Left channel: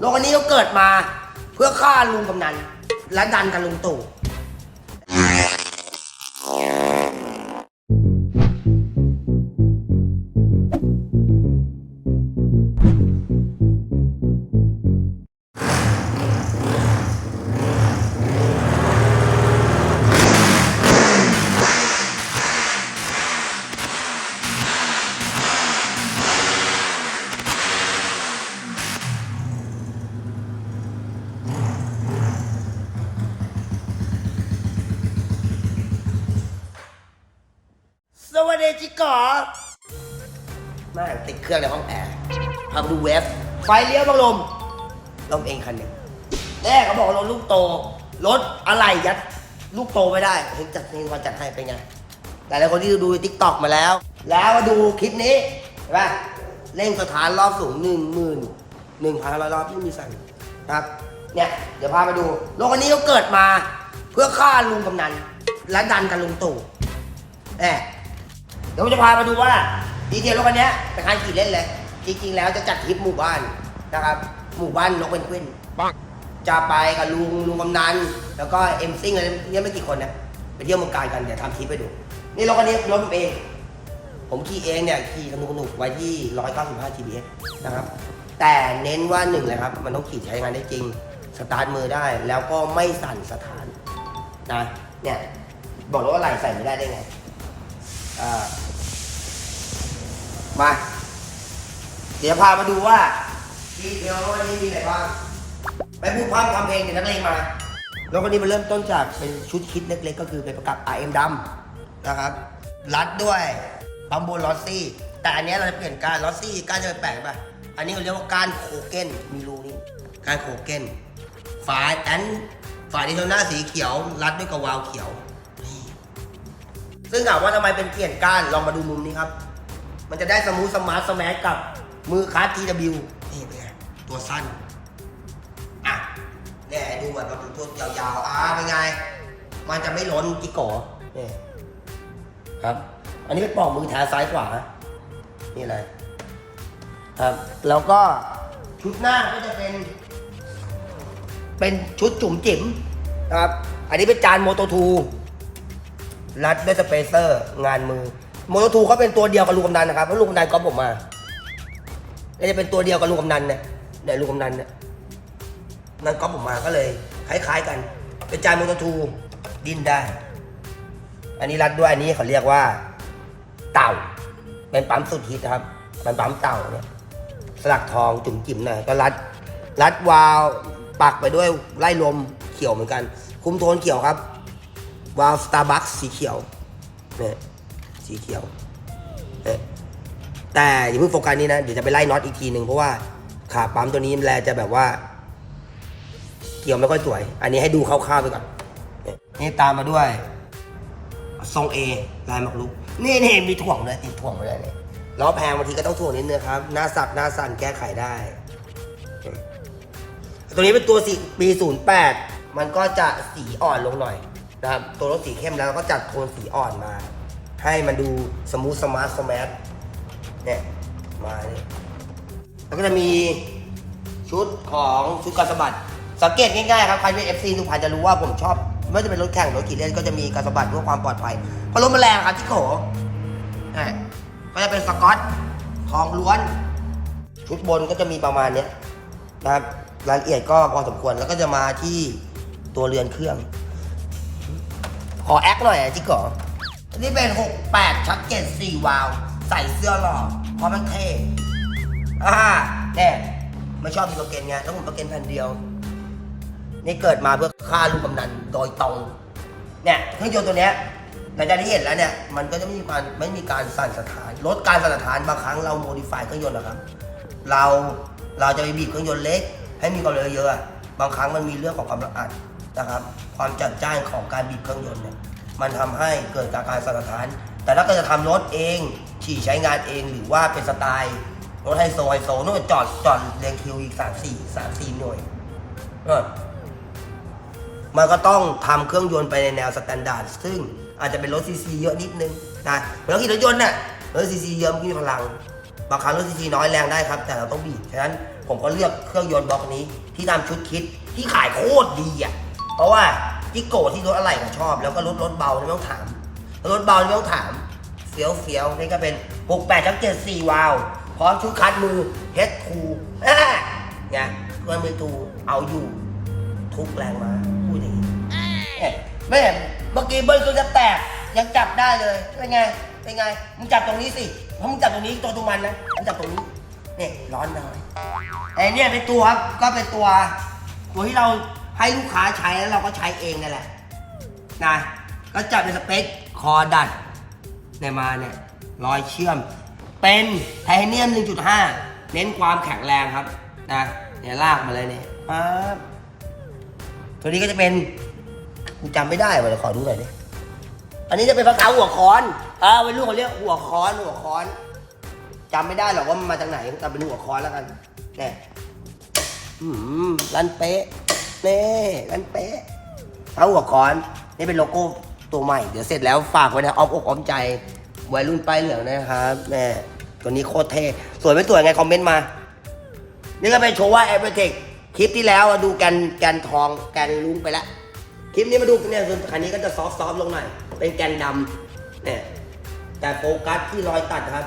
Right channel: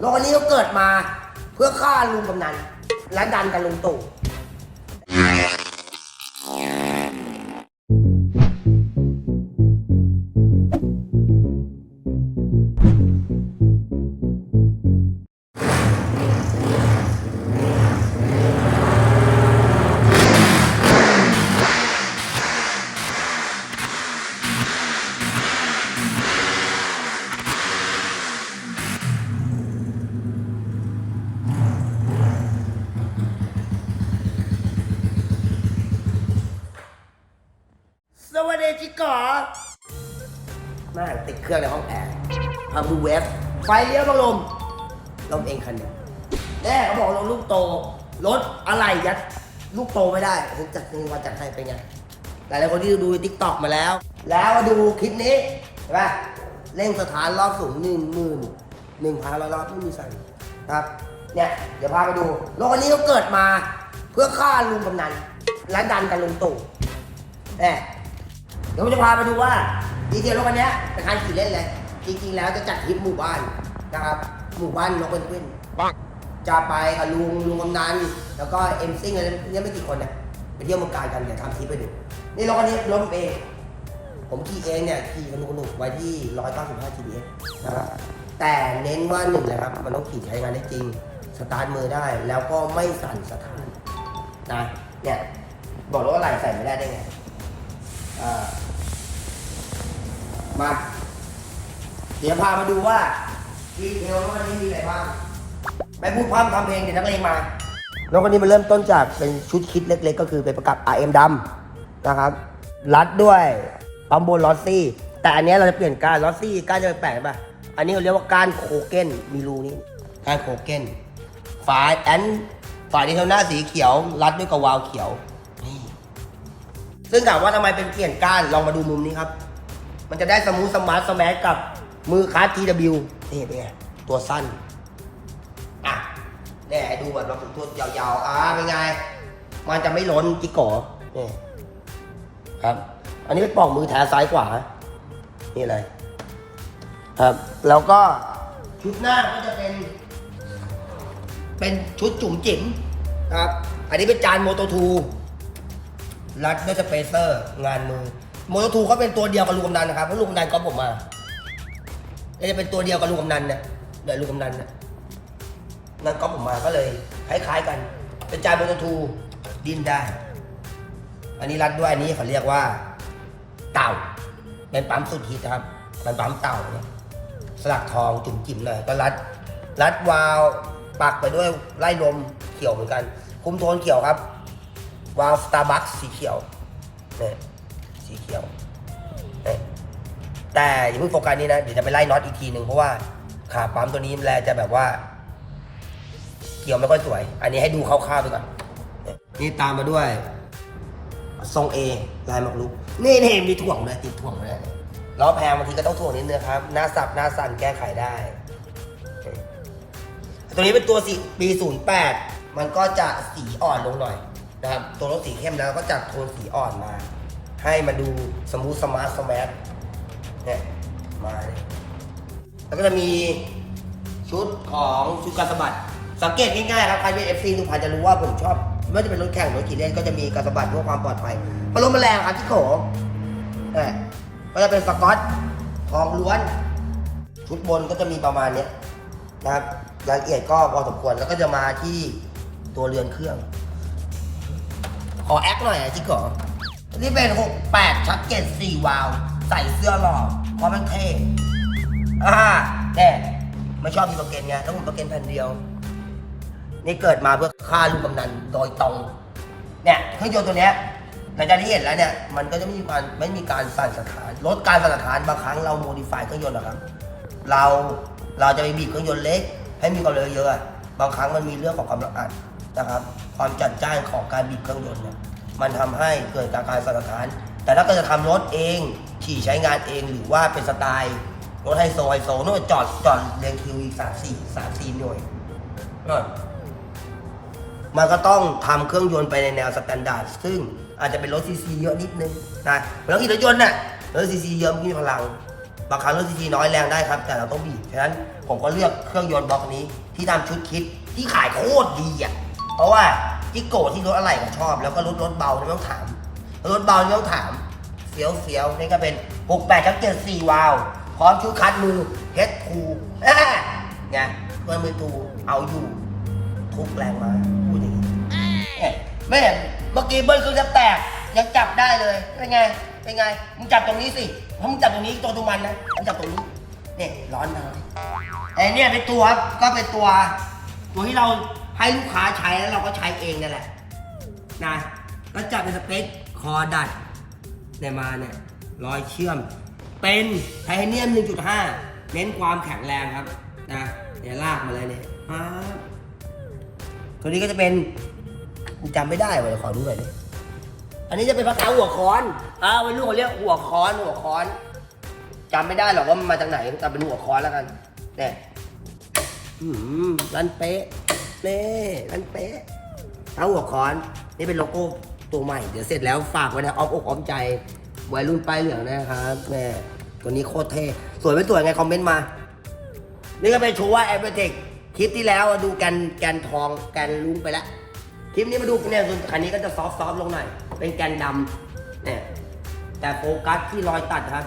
โลกนี้ก็เกิดมาเพื่อฆ่าลุงกำนันและดันกันลุงตู่ สวัสดีจิกอแม่งติดเครื่องในห้องแอร์ทำดูเวฟ ไฟเลี้ยวบังลม ลมเองคันหนึ่งแรกเขาบอกรถลูกโต รถอะไรยัดลูกโตไม่ได้ถึงจัดเงินวันจัดให้เป็นไงแต่หลายคนที่ดูทิกตอกมาแล้ว แล้วมาดูคลิปนี้เห็นปะเร่งสถานรอบสูงหนึ่งหมื่นหนึ่งพันร้อยรอบไม่มีสั่นนะครับ เนี่ยเดี๋ยวพาไปดูโลกอันนี้ก็เกิดมา เพื่อฆ่าลุงกำนันและดันกันลุงตู่แน่ ดี๋ยวผมจะพามาดูว่าดีเทลรถคันเนี้ยเป็นคันขี่เล่นเลย จริงๆ แล้วจะจัดทริปหมู่บ้านนะครับ หมู่บ้านนกเป็นกวินจะไปกับลุงลุงกำนันแล้วก็เอ็มซิงอะไรเนี่ยไม่กี่คนเนี่ยไปเที่ยวเมืองการกันเดี๋ยวทำทริปไปดู นี่รถคันนี้รถผมเอง ผมขี่เองเนี่ยขี่สนุกสนุกๆไว้ที่ 195 GPS นะครับแต่เน้นว่าหนึ่งเลยครับ มันต้องขี่ใช้งานได้จริง สตาร์ทมือได้แล้วก็ไม่สั่นสถานนะเนี่ยบอกเลยว่าไหลใส่ไม่ได้ได้ไงอ่า มา เดี๋ยวพามาดูว่าดีเทลวันนี้มีอะไรบ้างไม่พูดพร่ำทำเพลงเดี๋ยวนักเลงมาแล้ววันนี้มันเริ่มต้นจากเป็นชุดคิดเล็กๆ ก็คือเป็นประกับ RM ดำนะครับ รัดด้วยปั๊มโบนลอสซี่ แต่อันนี้เราจะเปลี่ยนก้านลอสซี่ก้านจะไปแปลกป่ะ อันนี้เขาเรียกว่าก้านโคเกนมีรูนี้ก้านโคเกนฝาแอนฝาดีเทลหน้าสีเขียว รัดด้วยกระวาลเขียวนี่ซึ่งถามว่าทำไมเป็นเปลี่ยนก้านลองมาดูมุมนี้ครับ มันจะได้สมูทสมาร์ทสแมักับมือคาร์ TW นี่เป็นไงตัวสั้น อะเนี่ยให้ดูแบบว่าตัวยาวๆ อ่าเป็นไง มันจะไม่ล้นจิกโกนี่ครับ อันนี้เป็นปลองมือแท้ซ้ายขวา นี่เลยครับ แล้วก็ชุดหน้าก็จะเป็น เป็นชุดจุ๋มจิ๋มครับ อันนี้เป็นจานโมโตทูรัดด้วยสเปเซอร์ งานมือ โมโนทูเขาเป็นตัวเดียวกับลูกกำนันนะครับเพราะลูกกำนันก็ผมมาแล้วจะเป็นตัวเดียวกับลูกกำนันเนี่ยเดี๋ยวลูกกำนันเนี่ยนั่นก็ผมมาก็เลยคล้ายๆกันเป็นจานโมโนทูดินได้อันนี้รัดด้วยอันนี้เขาเรียกว่า เต่า เป็นปั๊มสุดฮิตนะครับเป็นปั๊มเต่าเนี่ยสลักทองจุ่มจิ๋มหน่อยก็รัดรัดวาล์วปักไปด้วยไล่ลมเขียวเหมือนกัน คุ้มโทนเขียวครับ วาล์วสตาร์บัคสีเขียวเนี่ย สีเขียวเนี่ยแต่อย่าเพิ่งโฟกัสนี้นะ เดี๋ยวจะไปไล่น็อตอีกทีหนึ่งเพราะว่าขาปั๊มตัวนี้แลจะแบบว่า เกี่ยวไม่ค่อยสวย อันนี้ให้ดูคร่าวๆไปก่อน นี่ตามมาด้วย ทรงเอลายหมากรุกนี่นี่มีถ่วงเลยติดถ่วงเลยล้อแพงบางทีก็ต้องถ่วงนิดนึงครับ หน้าสักหน้าสั่นแก้ไขได้ ตัวนี้เป็นตัวสีปี08 มันก็จะสีอ่อนลงหน่อยนะครับ ตัวรถสีเข้มแล้วก็จัดโทนสีอ่อนมา ให้มันดูสมูทสมาร์ทสมาร์ทเนี่ยมาเลยแล้วก็จะมีชุดของชุดการสบัดสังเกตง่ายๆครับใครเป็นเอฟซีทุกพันจะรู้ว่าผมชอบไม่ว่าจะเป็นรถแข่งรถขี่เล่นก็จะมีการสบัดเพื่อความปลอดภัยเพราะรถมันแรงครับที่โขเนี่ยก็จะเป็นสกอตทองล้วน ชุดบนก็จะมีประมาณเนี้ยนะครับรายละเอียดก็พอสมควรแล้วก็จะมาที่ตัวเรือนเครื่อง ขอแอคหน่อยอะจิกก่อ นี่เป็น 68 ชักเก็ต4วาว ใส่เสื้อหล่อเพราะมันเท่อ่าแน่ไม่ชอบมีโปรเกนไง แล้วผมโปรเกนแผ่นเดียว นี่เกิดมาเพื่อฆ่าลูกกำนันโดยตรง เนี่ยเครื่องยนต์ตัวเนี้ยหลังจากที่เห็นแล้วเนี่ย มันก็จะไม่มีการไม่มีการสั่นสถาน ลดการสั่นสถานบางครั้งเราโมดิฟายเครื่องยนต์นะครับ เราเราจะไปบีบเครื่องยนต์เล็ก ให้มีความเร็วเยอะอะบางครั้งมันมีเรื่องของความระอัดนะครับ ความจัดจ้านของการบีบเครื่องยนต์เนี่ย มันทำให้เกิดการสั่นสถาน แต่ถ้ากิดจะทำรถเอง ขี่ใช้งานเองหรือว่าเป็นสไตล์รถไฮโซไฮโซนู่นจอดจอดเรียงคิวอีกสามสี่สามสี่หน่วยมันก็ต้องทำเครื่องยนต์ไปในแนวสแตนดาร์ดซึ่งอาจจะเป็นรถซีซีเยอะนิดนึงนะรถขี่รถยนต์น่ะรถซีซีเยอะมันมีพลังบางครั้งรถซีซีน้อยแรงได้ครับ แต่เราต้องบีบฉะนั้นผมก็เลือกเครื่องยนต์บล็อกนี้ที่ทำชุดคิดที่ขายโคตรดีอะเพราะว่า จิโก้ที่รถอะไรก็ชอบ แล้วก็รถรถเบาไม่ต้องถาม รถเบาไม่ต้องถามเฟี้ยวเฟี้ยวนี่ก็เป็น 6 8ทั้ง7 4วาวพร้อมชุดคัดมือเฮดคูเนี่ยเพื่อนมือตูเอาอยู่ ทุกแรงมาพูดอย่างนี้แม่เมื่อกี้เบิ้ลเครื่องจะแตกยังจับได้เลยเป็นไงเป็นไงมึงจับตรงนี้สิเพราะมึงจับตรงนี้ตัวตรงมันนะมึงจับตรงนี้เนี่ยร้อนนะไอ้เนี่ยเป็นตัวครับก็เป็นตัว ตัวที่เรา ให้ลูกค้าใช้แล้วเราก็ใช้เองนี่แหละนะก็จับเป็นสเปคคอดัดเนี่ยมาเนี่ยรอยเชื่อม เป็นไทเทเนียม 1.5 เน้นความแข็งแรงครับนะเนี่ยลากมาเลยเนี่ยปั๊บตัวนี้ก็จะเป็นจำไม่ได้ว่ะเดี๋ยวขอดูหน่อยดิอันนี้จะเป็นภาษาหัวค้อนอ่าวัยรุ่นเขาเรียกหัวค้อนหัวค้อนจำไม่ได้หรอกว่ามันมาจากไหนแต่เป็นหัวค้อนแล้วกันเนี่ยอืมรันเป๊ะ น่รันเป๊ะเอาหัวค้อนนี่เป็นโลโก้ตัวใหม่ เดี๋ยวเสร็จแล้วฝากไว้นะอ้อมอกอ้อมใจวัยรุ่นป้ายเหลืองนะครับแน่ตัวนี้โคตรเท่สวยไม่สวยไงคอมเมนต์มา นี่ก็เป็นโชว์ว่าแอปเปิลเทคคลิปที่แล้วดูแกนแกนทองแกนลุ้งไปล้วคลิปนี้มาดูเนี่ยส่วนคันนี้ก็จะซอฟต์ๆลงหน่อยเป็นแกนดำเนี่ยแต่โฟกัสที่รอยตัดครับ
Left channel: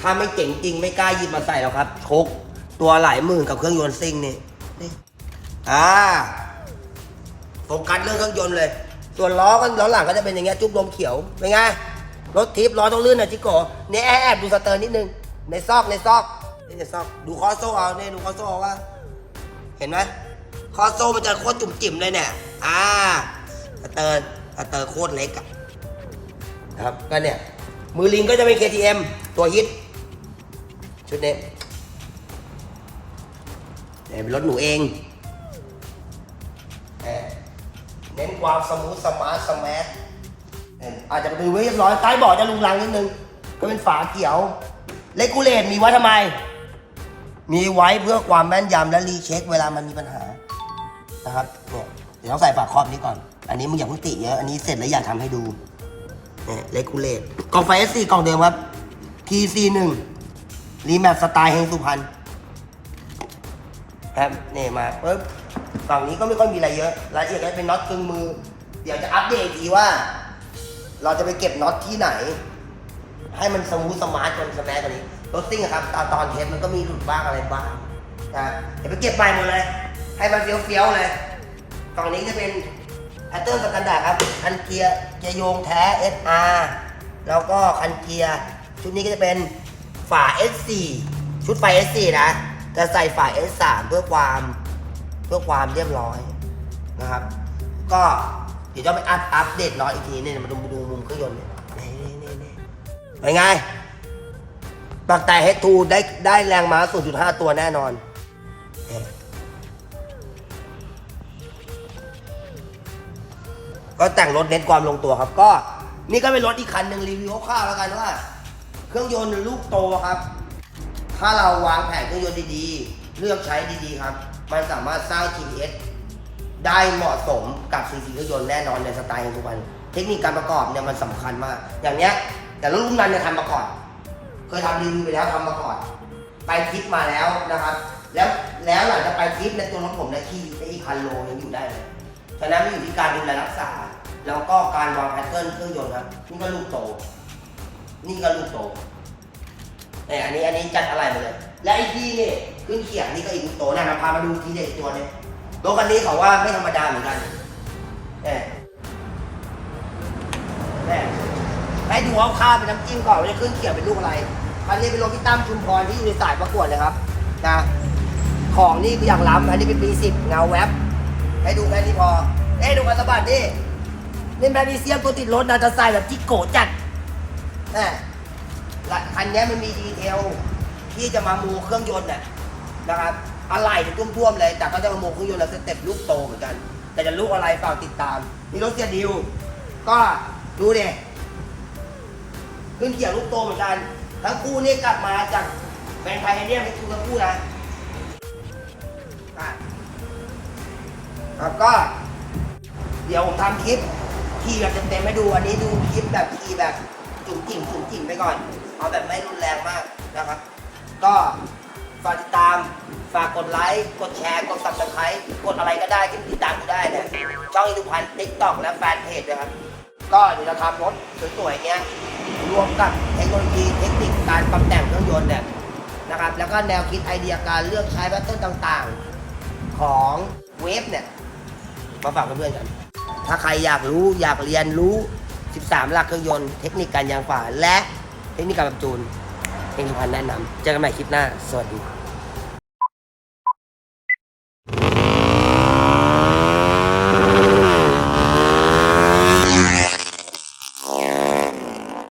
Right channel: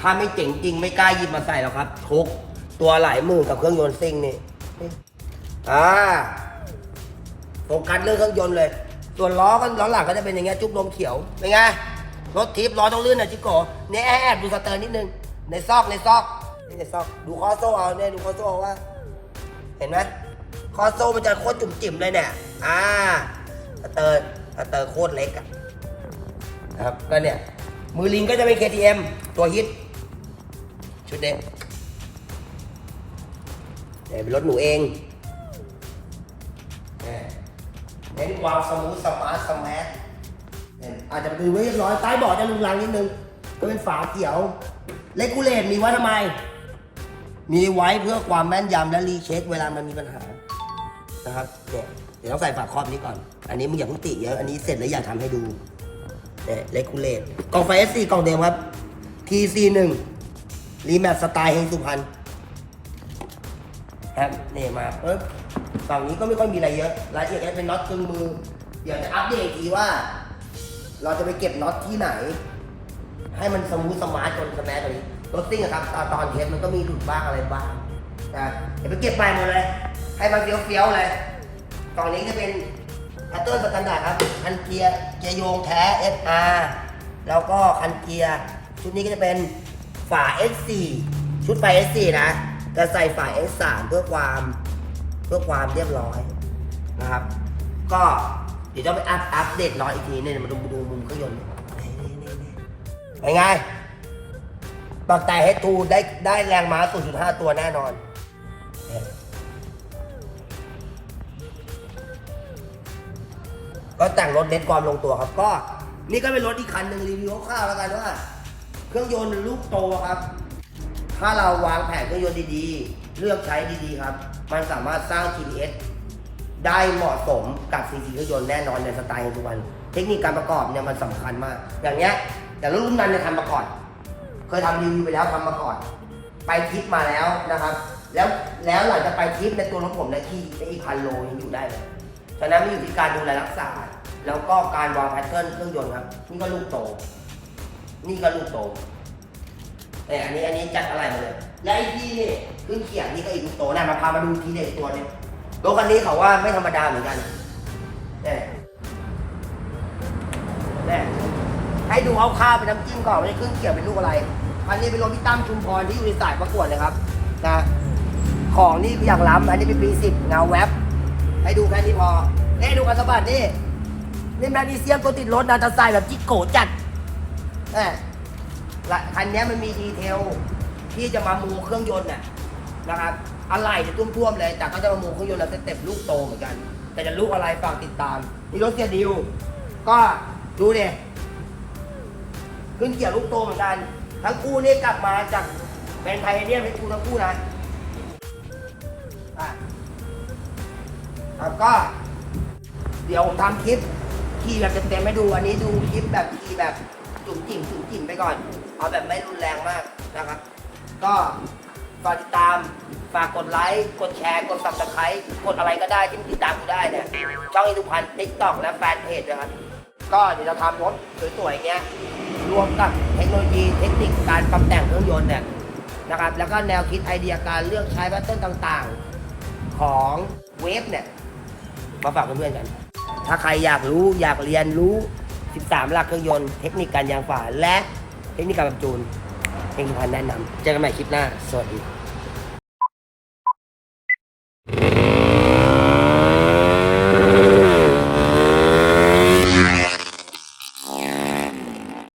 ถ้าไม่เจ๋งจริงไม่กล้าหยิบมาใส่หรอกครับชกตัวหลายหมื่นกับเครื่องยนต์ซิ่งนี่ อ่าโฟกัสเรื่องเครื่องยนต์เลย ส่วนล้อก็ล้อหลังก็จะเป็นอย่างเงี้ยจุ๊บลมเขียวเป็นไงรถทิปล้อต้องลื่นนะจิโก้เนี่ยแอบแอบดูสเตอร์นิดนึงในซอกในซอกนี่ในซอกดูคอโซ่เอาเนี่ยดูคอโซ่เอาว่า เห็นไหมคอโซ่มันจะโคตรจุ่มจิ๋มเลยเนี่ยอ่าสเตอร์สเตอร์โคตรเล็กอะครับก็เนี่ยมือลิงก็จะเป็น KTM ตัวฮิตชุดนี้เนี่ยเป็นรถหนูเอง เน้นความสมูทสมาร์ทสมาร์ทอาจจะดูไม่เรียบร้อยใต้เบาะจะลุงลังนิดนึงก็เป็นฝาเขียวเลกูเลตมีไว้ทำไม มีไว้เพื่อความแม่นยำและรีเช็คเวลามันมีปัญหานะครับเดี๋ยวต้องใส่ฝาครอบนี้ก่อน อันนี้มึงอย่าพิ่งติเยอะอันนี้เสร็จแล้วอยากทำให้ดูเนี่ยเลกูเลตกล่องไฟ S4 กล่องเดิมครับ TC1 รีแมปสไตล์เฮงสุพรรณครับนี่มาปุ๊บ ฝั่งนี้ก็ไม่ค่อยมีอะไรเยอะรายละเอียดก็เป็นน็อตกึ่งมือ เดี๋ยวจะอัปเดตอีกทีว่า เราจะไปเก็บน็อตที่ไหน ให้มันสมูทสมาร์ทจนสแมทกว่านี้รถซิ่งอะครับตอนตอนเทสมันก็มีหลุดบ้างอะไรบ้างนะเดี๋ยวไปเก็บไปหมดเลย ให้มันเฟี้ยวๆเลยกล่องนี้จะเป็นแอตเตอร์สแตนดาร์ดครับคันเกียร์เกียร์โยงแท้ SR แล้วก็คันเกียร์ชุดนี้ก็จะเป็นฝา S4 ชุดไฟ S4 นะจะใส่ฝา S3 เพื่อความ เพื่อความเรียบร้อยนะครับ ก็เดี๋ยวจะไปอัพอัปเดตน้อยอีกทีเนี่ยมาดูมาดูมุมเครื่องยนต์นี่นี่นี่นี่เป็นไงตั้งแต่ H2 ได้ได้แรงม้า 0.5 ตัวแน่นอน ก็แต่งรถเน้นความลงตัวครับ ก็นี่ก็เป็นรถอีกคันหนึ่งรีวิวคร่าวๆแล้วกันว่า เครื่องยนต์ลูกโตครับ ถ้าเราวางแผนเครื่องยนต์ดีๆ เลือกใช้ดีๆครับ มันสามารถสร้าง TPS ได้เหมาะสมกับซีซีเครื่องยนต์แน่นอนในสไตล์ทุกวัน เทคนิคการประกอบเนี่ยมันสำคัญมาก อย่างเงี้ย แต่รุ่นนั้นเนี่ยทำมาก่อน เคยทำรีวิวไปแล้วทำมาก่อน ไปทริปมาแล้วนะครับ แล้วแล้วหลังจากไปทริปในตัวรถผมเนะขี่ได้อีกพันโลยังอยู่ได้เลยฉะนั้นมันอยู่ที่การดูแลรักษา แล้วก็การวางแพทเทิร์นเครื่องยนต์ครับนี่ก็ลูกโต นี่ก็ลูกโตเนี่ยอันนี้อันนี้จัดอะไรมาเลย และไอ้ที่นี่ยขึ้นเขียงนี่ก็อีกลูกโตนะมาพามาดูทีเด็ดตัวหนึงรถคันนี้เขาว่าไม่ธรรมดาเหมือนกันเนี่ยเนี่ยให้ดูเอาข้าวเป็นน้ำจิ้มก่อนว่าจะขึ้นเขียงเป็นลูกอะไรอันนี้เป็นรถพี่ตั้มชุมพรที่อยู่ในสายประกวดเลยครับนะของนี่คืออย่างล้ำอันนี้เป็นปีสิบเงาแวบให้ดูแค่นี้พอเอ้ดูกันสะบัดนี่นี่แมกนีเซียมตัวติดรถนะจะใส่แบบจิโกจัดแหมละคันนี้มันมีดีเทล ที่จะมามูเครื่องยนต์น่ะนะครับอะไรจะท่วมๆเลยแต่ก็จะมามูเครื่องยนต์แล้วสเต็ปลูกโตเหมือนกัน แต่จะลูกอะไรฝากติดตามนี่รถเสียดิวก็ดูเนี่ยขึ้นเกี่ยวลูกโตเหมือนกัน ทั้งคู่นี่กลับมาจากแบรนด์ไทเทเนียมให้คู่ทั้งคู่นะอะครับก็เดี๋ยวผมทำคลิปขี่แบบเต็มๆให้ดู อันนี้ดูคลิปแบบขี่แบบจุ่มจิ่มจุ่มจิ่มไปก่อน เอาแบบไม่รุนแรงมากนะครับ ก็ฝากติดตาม ฝากกดไลค์ กดแชร์ กด subscribe กดอะไรก็ได้ที่ติดตามกูได้เนี่ย ช่องอินุพันธ์ทิกตอกและแฟนเพจนะครับ ก็เดี๋ยวเราทำรถสวยๆอย่างเงี้ย รวมกับเทคโนโลยีเทคนิคการปรับแต่งเครื่องยนต์เนี่ยนะครับ แล้วก็แนวคิดไอเดียการเลือกใช้แพทเทิร์นต่างๆ ของเวฟเนี่ย มาฝากเพื่อนๆกัน ถ้าใครอยากรู้อยากเรียนรู้ 13 หลักเครื่องยนต์ เทคนิคการยางฝาและเทคนิคการปรับจูน เฮงสุพรแนะนำเจอกันใหม่คลิปหน้า สวัสดีครับ